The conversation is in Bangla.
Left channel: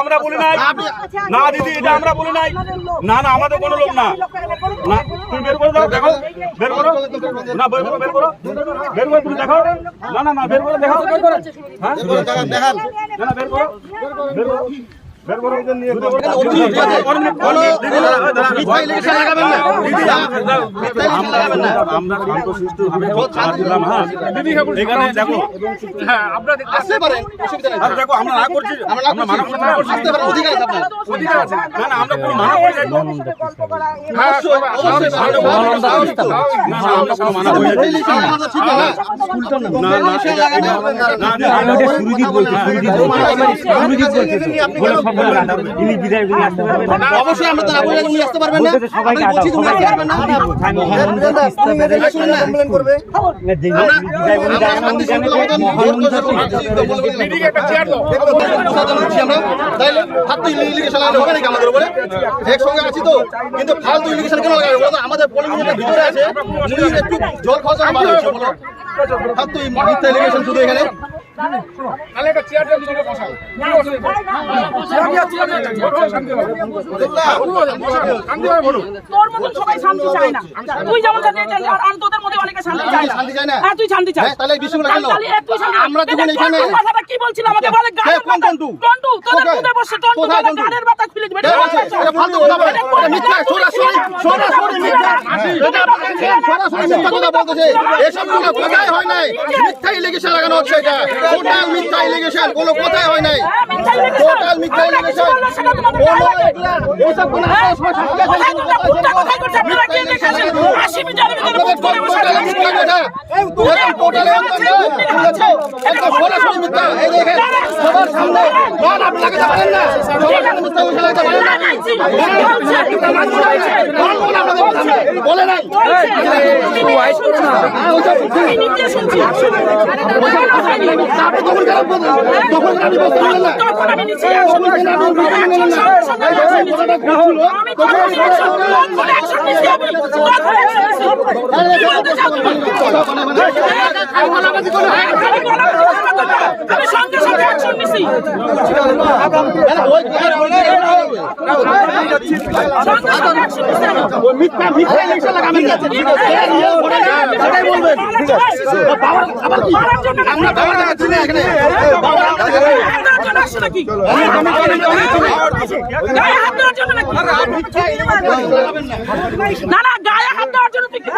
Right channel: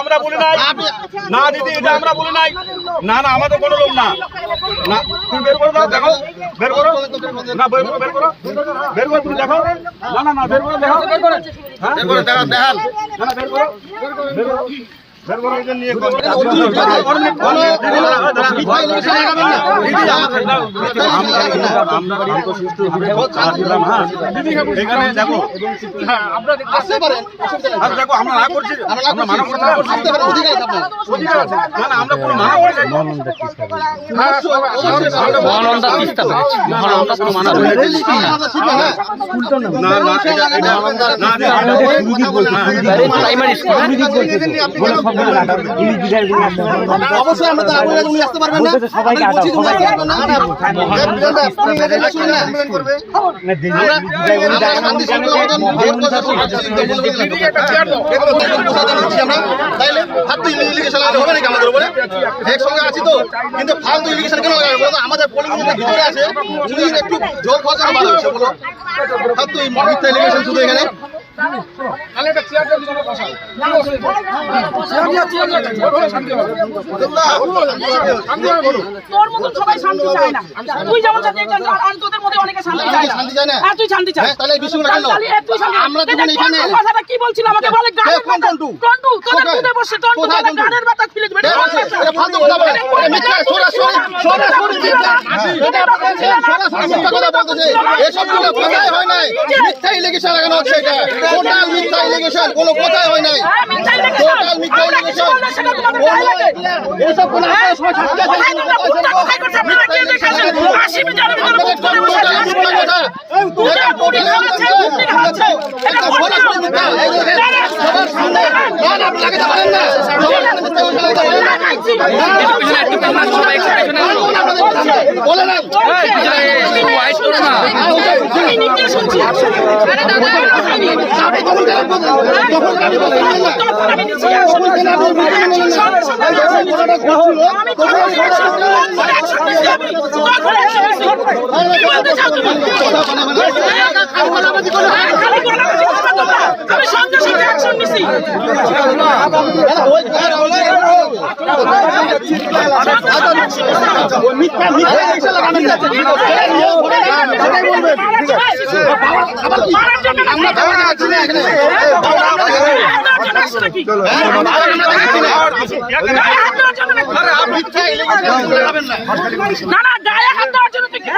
আমরা বলি নাই না দিদি, এটা আমরা বলি নাই। না না, আমাদের কোনো লোক না। না তুমি বের করে দাও, দেখো বের করো না, বের করো বের করো বের করো, তুমি দেখো। না না না, বের করে দেখো, বের করে দেখান দেখান। না না, বের করো বের করো বের করো, এদের নিয়ে কোনো মিথ্যা ইলেকশন লাগাবেন না। আমরা শান্তশিষ্টভাবে ছাড় দিলাম। হ্যাঁ এখানে দেখো, হ্যাঁ আপনারা আসতে পারেন, অসুবিধা নেই। দেখো আমরা না করছি, আমরা মানব কথা আসতে পারেন, অধিকার আছে আপনার, অধিকার আছে। না না, আমরা কোনো মানা করছি না। হ্যাঁ মহানন্দা তিস্তা মহানন্দা কোনো মানা করছি না। ঠিক আছে, হ্যাঁ স্কুলটা না না না, এটা না সুরজিৎ বলছে, প্রাইমারি স্কুল সুরজিৎ বলছে তো, বলে সবগুলো কাটা ইংলিশ বিদ্যালয়গুলো আসতে পারবে না। অবশ্যই আমরা তো আগুনে উনি আসতে পারবেন না, সবাইকে আটা সবাইকে পারবেন না। মহানন্দা তিস্তা কমপ্লেইন করবে না, দিল্লি বিদ্যালয়গুলো আমরা শান্তি শৃঙ্খলা মতন ভোট করতে মিটিং একটা চেয়ার দাও, এটা বলতে দিচ্ছি আমরা। তাইলে ফালতু ইলিগেশন লাগাতে হবে নাকি আমাদের উপরে? একসঙ্গে আছি তো, কিন্তু ফালতু ইলিগেশন কেন লাগাবে বলো? আমাদের পোলিং বুথের ভিতরে আছে, উনি একটু জল খাওয়া জন্য ভালো হচ্ছে বলো। ফালতু মিথ্যা ইলিগেশন শুধু এখানে তাহলে একটা চেয়ার দিয়ে দিলে বসাও, কোনো অসুবিধা নেই। শান্তি হবে, শান্তি হবে বলো। তোর মতন সবাই শান্তি চায় না, তুই যেমন শান্তি চাস আর তোদের মধ্যে অনেকে শান্তি চায় না। শান্তি চায় না? হ্যাঁ তুই শান্তি চাস। তাহলে বিষয়গুলো কেন? আমরা যখন এখানে কথাটা কি বলছিল আমাকে বলে গাড়ির টন্টু টন্টু তোদের খুদে বসে টন্টু গাড়ির বাতা খুলে দিবে। এটা ফালতু কথা বলে, এটা মিথ্যা, সরাসরি মিথ্যা, এটা আপনাদের সরাসরি মিথ্যা কথা বলতেছে। এসব কোনো কথাই হয় নাই, মিথ্যা ইলিগেশন লাগানো হচ্ছে, এটা টোটাল মিথ্যা ইলিগেশন, কোনো কথাই হয় নাই, টোটাল মিথ্যা ইলিগেশন। কোনো এসব কোনো আপনারা সবাই সাক্ষী আছেন, মিথ্যা ইলিগেশন লাগানো আপনাদের টোটাল মিথ্যা কথা, একদম টোটাল একদম সরাসরি মিথ্যা। এই দেখেন সবার সামনে মান আপনি লাগাতে পারেন না, সবার সামনে মিথ্যা ইলিগেশন লাগাতে পারেন না, বলে না না না গায়ে হাত দেওয়ার জন্য তুই কি